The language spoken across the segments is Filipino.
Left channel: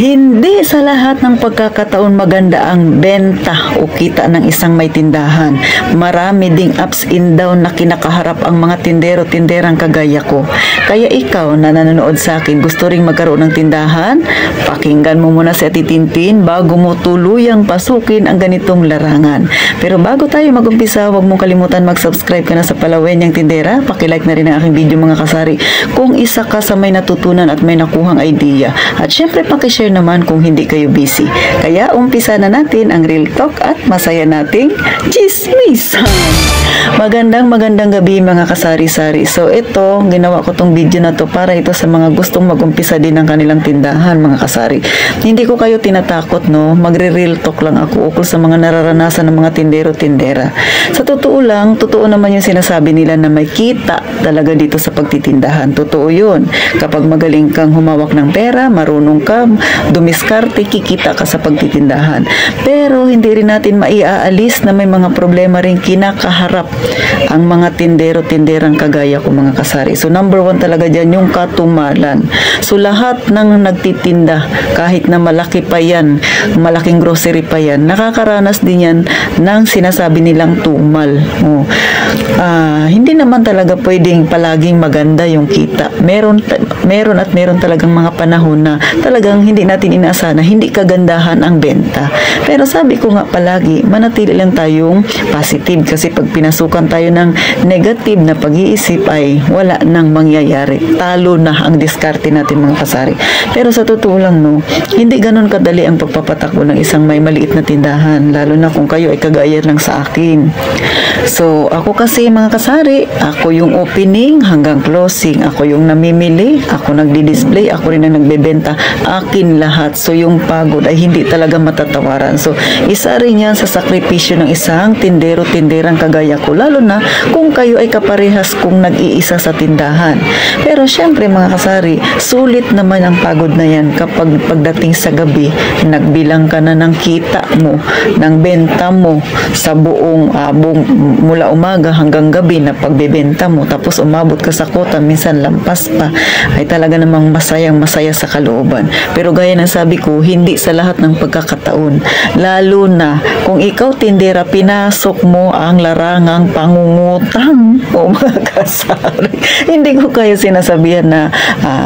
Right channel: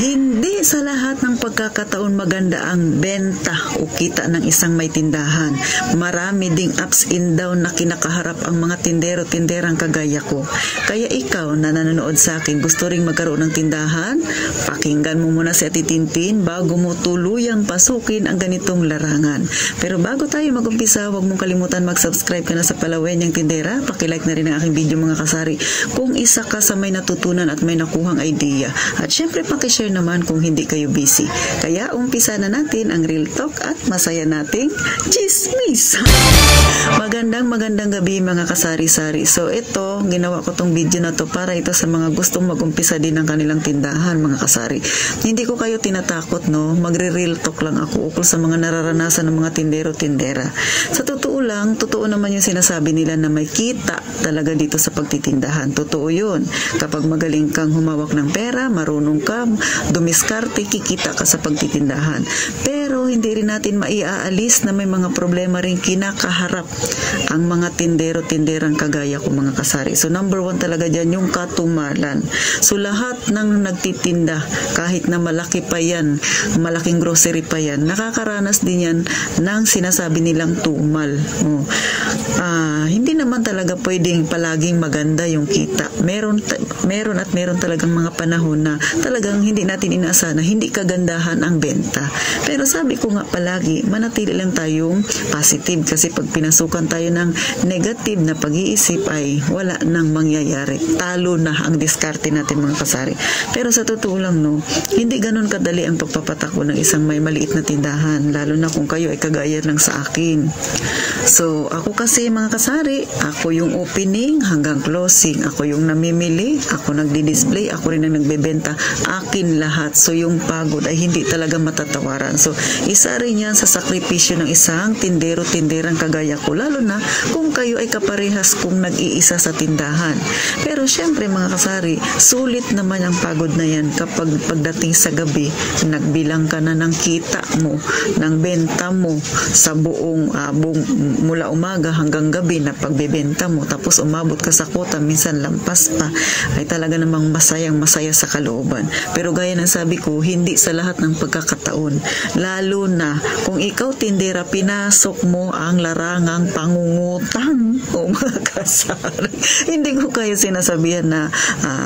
Hindi sa lahat ng pagkakataon maganda ang benta o kita ng isang may tindahan. Marami ding ups and down na kinakaharap ang mga tindero-tinderang kagaya ko. Kaya ikaw na nanonood sa akin, gusto ring magkaroon ng tindahan? Pakinggan mo muna si Ate Tintin bago mo tuluyang pasukin ang ganitong larangan. Pero bago tayo mag-umpisa, huwag mong kalimutan mag-subscribe ka na sa Palawenyang Tindera. Pakilike na rin ang aking video mga kasari kung isa ka sa may natutunan at may nakuhang idea. At syempre pakishare naman kung hindi kayo busy. Kaya umpisa na natin ang real talk at masaya nating chismis. Magandang gabi mga kasari-sari. So ito, ginawa ko tong video na to para ito sa mga gustong mag-umpisa din ng kanilang tindahan mga kasari. Hindi ko kayo tinatakot no, magre-real talk lang ako ukol sa mga nararanasan ng mga tindero-tindera. Sa totoo lang, totoo naman yung sinasabi nila na may kita talaga dito sa pagtitindahan. Totoo yun. Kapag magaling kang humawak ng pera, marunong ka dumiskarte, kikita ka sa pagtitindahan. Pero hindi rin natin maiaalis na may mga problema rin kinakaharap ang mga tindero-tinderang kagaya ko mga kasari. So number 1 talaga dyan yung katumalan. So lahat ng nagtitinda, kahit na malaki pa yan, malaking grocery pa yan, nakakaranas din yan ng sinasabi nilang tumal. Hindi naman talaga pwedeng palaging maganda yung kita. Meron talagang mga panahon na talagang hindi natin inaasahan na hindi kagandahan ang benta. Pero sabi ko nga palagi, manatili lang tayong positive kasi pag pinasukan tayo ng negative na pag-iisip ay wala nang mangyayari. Talo na ang diskarte natin mga kasari. Pero sa totoo lang no, hindi ganun kadali ang pagpapatakbo ng isang may maliit na tindahan, lalo na kung kayo ay kagaya lang sa akin. So ako kasi mga kasari, ako yung opening hanggang closing, ako yung namimili, ako nagdi-display, ako rin ang nagbebenta, akin lahat. So yung pagod ay hindi talaga matatawaran. So isa rin yan sa sakripisyo ng isang tindero-tinderang kagaya ko, lalo na kung kayo ay kaparehas kung nag-iisa sa tindahan. Pero syempre mga kasari, sulit naman ang pagod na yan kapag pagdating sa gabi, nagbilang ka na ng kita mo, ng benta mo sa buong mula umaga hanggang gabi na pagbebenta mo, tapos umabot ka sa kota, minsan lampas pa, ay talaga namang masaya sa kalooban. Pero gaya ng sabi ko, hindi sa lahat ng pagkakataon. Lalo na kung ikaw tindera, pinasok mo ang larangang pangungutang o mga kasari. Hindi ko kayo sinasabihan na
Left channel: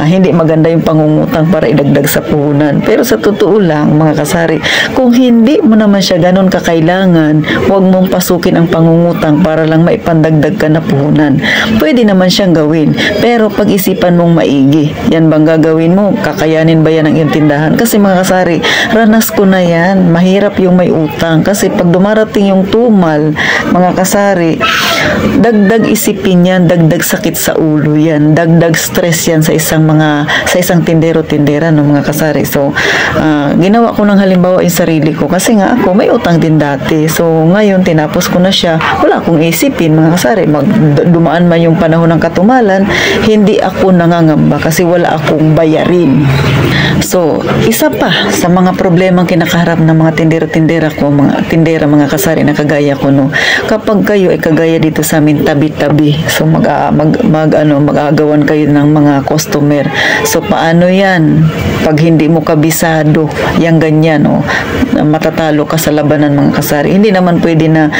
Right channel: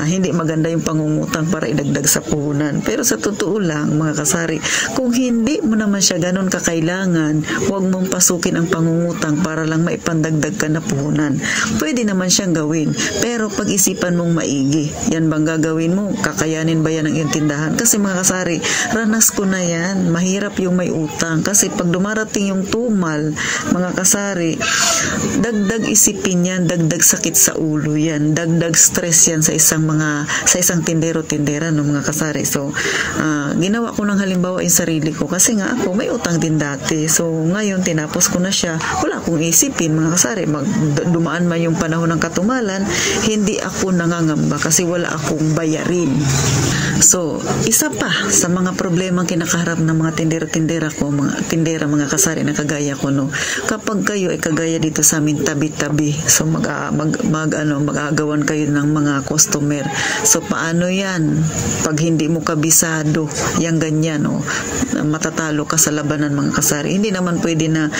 hindi maganda yung pangungutang para idagdag sa puhunan. Pero sa totoo lang mga kasari, kung hindi mo naman siya ganun kakailangan, huwag mong pasukin ang pangungutang para lang maipandagdag ka na puhunan. Pwede naman siyang gawin. Pero pag-isipan mong maigi, yan bang gagawin mo? Kakayanin ba yan ang iyong tindahan? Kasi mga kasari, ranas ko na yan. Mahirap yung may utang. Kasi pag dumarating yung tumal, mga kasari, dagdag isipin yan, dagdag sakit sa ulo yan, dagdag stress yan sa isang tindero-tindera ng mga kasari. So, ginawa ko ng halimbawa yung sarili ko. Kasi nga ako, may utang din dati. So, ngayon, tinapos ko na siya. Wala akong isipin, mga kasari. Dumaan man yung panahon ng katumalan, hindi ako nangangamba kasi wala akong bayarin. So, isa pa sa mga problemang kinakaharap ng mga tindero-tindera ko, mga kasari na kagaya ko, no, kapag kayo ay kagaya dito sa amin tabi-tabi, so mag-aagawan kayo ng mga customer. So, paano yan? Pag hindi mo kabisado, yung ganyan, no, matatalo ka sa labanan mga kasari. Hindi naman pwede na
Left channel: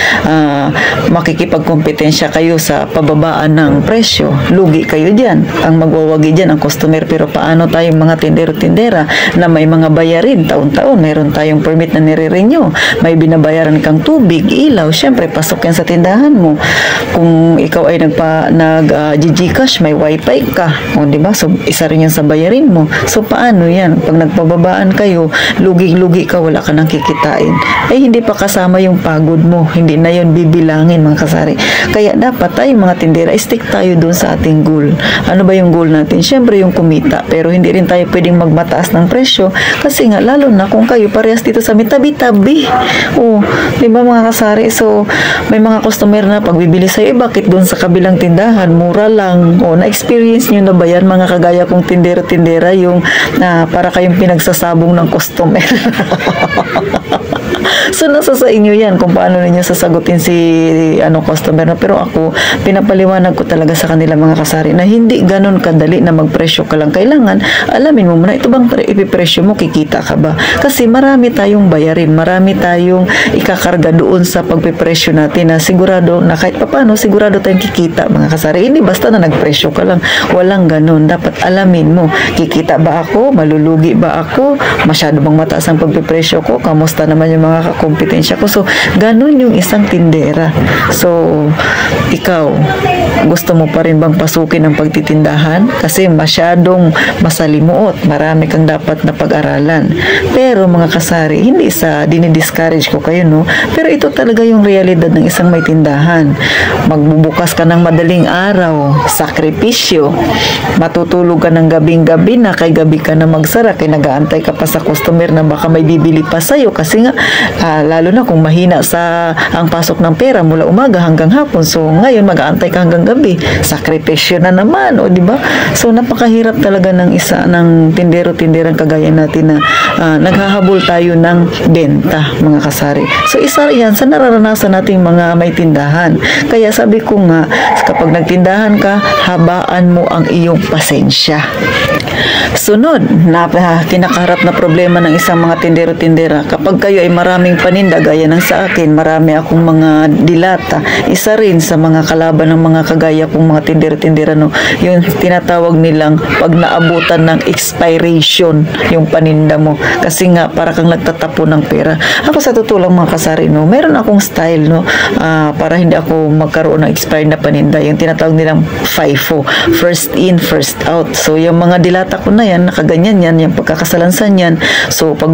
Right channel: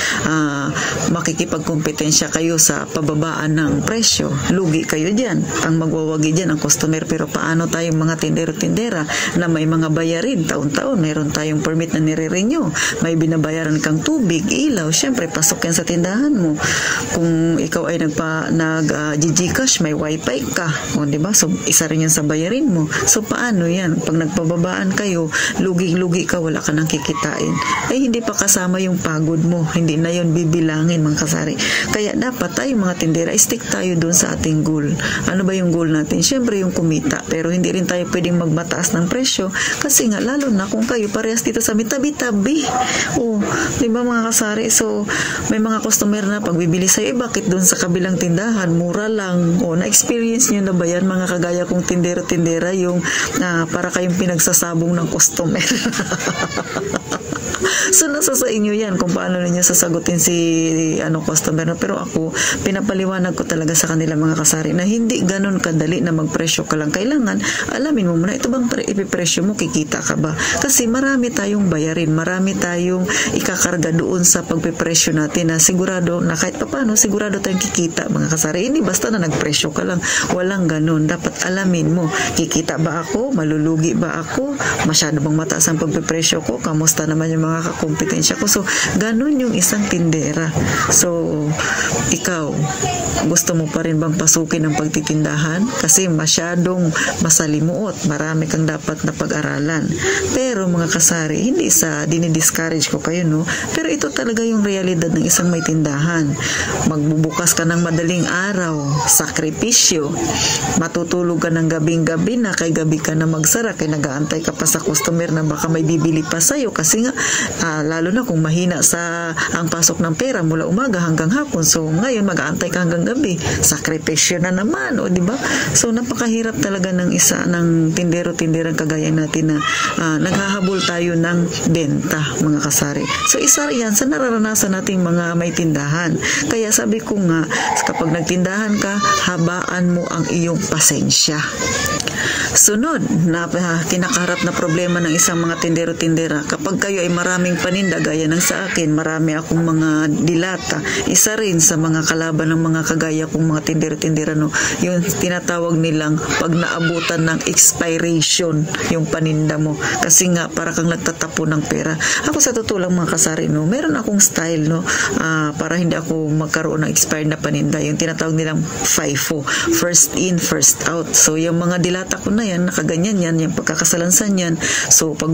makikipagkompetensya kayo sa pababaan ng presyo. Lugi kayo dyan. Ang magwawagi dyan ang customer. Pero paano tayong mga tindero-tindera na may mga bayarin taon-taon? Mayroon tayong permit na nire-renew. May binabayaran kang tubig, ilaw. Siyempre, pasok yan sa tindahan mo. Kung ikaw ay nag-GCash, may wifi ka. O, diba? So, isa rin yan sa bayarin mo. So, paano yan? Pag nagpababaan kayo, lugi-lugi ka, wala ka nang kikitain. Hindi pa kasama yung pagod mo. Hindi na yun bibilangin mga kasari. Kaya dapat tayo mga tindera, stick tayo dun sa ating goal. Ano ba yung goal natin? Siyempre yung kumita. Pero hindi rin tayo pwedeng magmataas ng presyo kasi nga lalo na kung kayo parehas dito sa may tabi-tabi. Di ba mga kasari? So, may mga customer na pagbibili sa'yo, bakit dun sa kabilang tindahan? Mura lang. Na-experience nyo na ba yan mga kagaya kong tindera-tindera yung para kayong pinagsasabong ng customer? So, nasa sa inyo yan kung paano ninyo sasagutin si customer na. Pero ako, pinapaliwanag ko talaga sa kanila mga kasari na hindi ganun kadali na magpresyo ka lang. Kailangan, alamin mo muna, ito bang anong ipipresyo mo, kikita ka ba? Kasi marami tayong bayarin, marami tayong ikakarga doon sa pagpipresyo natin na sigurado na kahit papano, sigurado tayong kikita, mga kasari. Hindi basta na nagpresyo ka lang. Walang ganun. Dapat alamin mo, kikita ba ako? Malulugi ba ako? Masyado bang mataas ang pagpipresyo ko? Kamusta naman yung mga kompetensya ko? So, ganun yung isang tindera. So, ikaw, gusto mo pa rin bang pasukin ang pagtitindahan? Kasi masyadong masalimuot. Marami kang dapat na pag-aralan. Pero mga kasari, hindi sa dinidiscourage ko kayo, no? Pero ito talaga yung realidad ng isang may tindahan. Magbubukas ka ng madaling araw, sakripisyo, matutulog ka ng gabing-gabi na, kay gabi ka na magsara, kay nag-aantay ka pa sa customer na baka may bibili pa sa'yo kasi nga, lalo na kung mahina ang pasok ng pera mula umaga hanggang hapon. So, ngayon mag-aantay ka hanggang gabi. Sakripisyo na naman, o di ba? So, napakahirap talaga ng tindero-tinderang kagaya natin na naghahabol tayo ng benta, mga kasari. So, isa yan sa nararanasan nating mga may tindahan. Kaya sabi ko nga, kapag nagtindahan ka, habaan mo ang iyong pasensya. Sunod, kinakaharap na problema ng isang mga tindero-tindera. Kapag kayo ay maraming paninda, gaya ng sa akin, marami akong mga dilata. Isa rin sa mga kalaban ng mga kagaya kong mga tindero-tindera, no, yung tinatawag nilang pag naabutan ng expiration yung paninda mo. Kasi nga, para kang nagtatapo ng pera. Ako sa totoo lang, mga kasari, no, meron akong style, no, para hindi ako magkaroon ng expired na paninda. Yung tinatawag nilang FIFO, first in, first out. So, yung mga dilata ko na yan, nakaganyan yan, yung pagkakasalansan yan. So, pag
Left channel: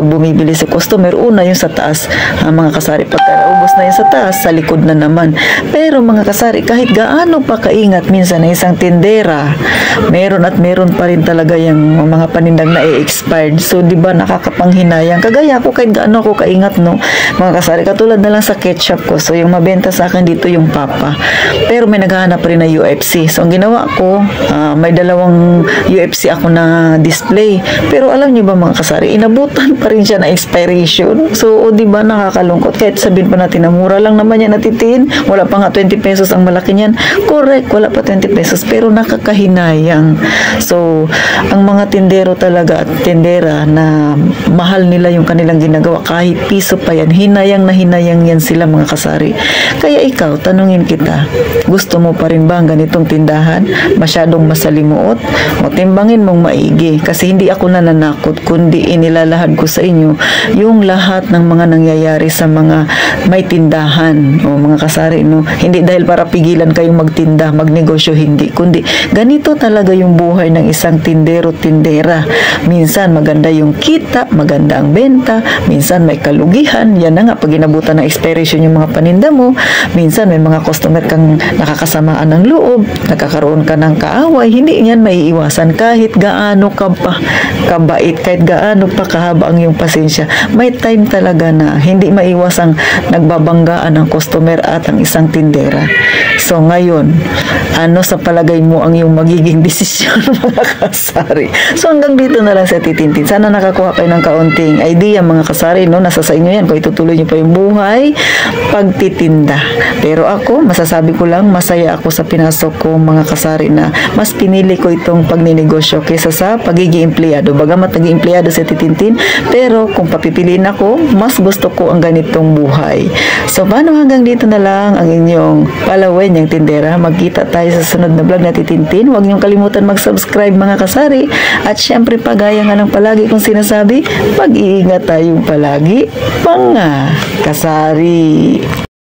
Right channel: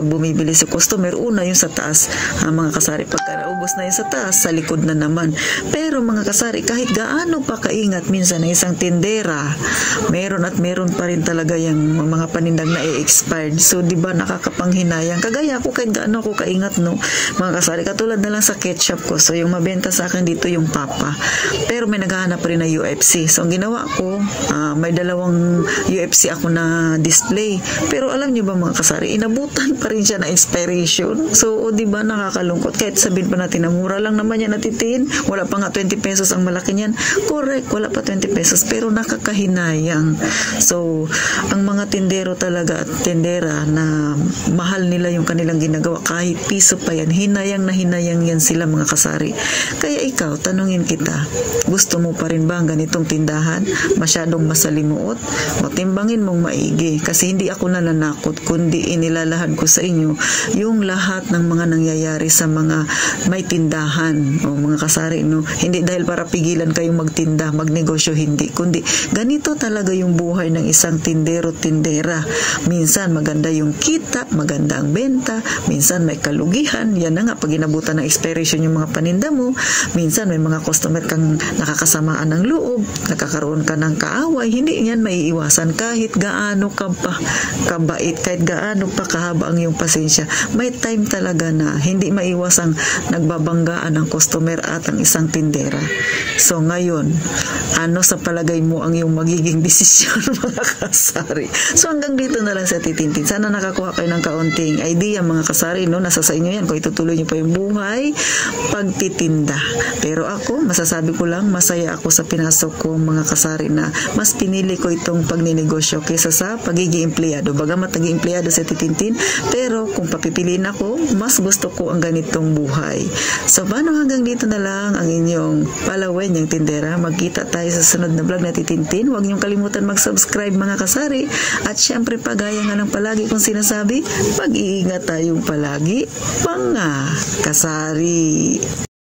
bumibili si customer, una yung sa taas, mga kasari, pagka naubos na yung sa taas, sa likod na naman. Pero mga kasari, kahit gaano pa kaingat minsan na isang tindera, meron pa rin talaga yung mga panindang na expired. So, di ba, nakakapanghinayang. Kagaya ako, kahit gaano ako kaingat, no, mga kasari, katulad na lang sa ketchup ko. So, yung mabenta sa akin dito yung Papa. Pero may naghahanap rin na UFC. So, ang ginawa ko, may dalawang UFC ako na display. Pero alam niyo ba, mga kasari, inabutan pa rin siya na expiration. So, di ba, nakakalungkot. Kahit sabihin pa natin na mura lang naman yan natitiin. Wala pa nga 20 pesos ang malaki niyan. Correct, wala pa 20 pesos. Pero nakakahinayang. So, ang mga tindero talaga at tindera na mahal nila yung kanilang ginagawa, kahit piso pa yan, hinayang na hinayang yan sila, mga kasari. Kaya ikaw, tanungin kita, gusto mo pa rin ba ang ganitong tindahan? Masyadong masalimuot? O timbangin mong maigi, kasi hindi ako nananakot, kundi inilalahad ko sa inyo yung lahat ng mga nangyayari sa mga may tindahan, o mga kasari, no? Hindi dahil para pigilan kayong magtinda, magnegosyo, hindi, kundi ganito talaga yung buhay ng isang tindero-tindera. Minsan maganda yung kita, maganda ang benta, minsan may kalugihan, yan na nga, pag inabutan ng expiration yung mga paninda mo, minsan may mga customer kang nakakasamaan ng loob, nakakaroon ka ng kaaway, hindi yan maiiwasan. Kahit gaano ka pa kabait, kahit gaano pa kahaba ang iyong pasensya, may time talaga na hindi maiwasang nagbabanggaan ang customer at ang isang tindera. So ngayon, ano sa palagay mo ang iyong magiging desisyon, mga kasari? So hanggang dito na lang sa Titintin. Sana nakakuha kayo ng kaunting idea, mga kasari, no? Nasa sa inyo yan kung itutuloy niyo pa yung buhay pagtitinda. Pero ako, masasabi ko lang, masaya ako sa pinasok ko, mga kasari, na mas pinili ko itong pagninegosyo kaysa sa pagiging empleyado. Bagamat naging empleyado sa Titintin, pero kung papipiliin ako, mas gusto ko ang ganitong buhay. So, paano hanggang dito na lang ang inyong Palawen, yung tindera. Magkita tayo sa sunod na vlog na Titintin. Huwag niyong kalimutan mag-subscribe, mga kasari. At syempre, pagaya nga ng palagi kong sinasabi, mag-iingat tayong palagi, mga kasari.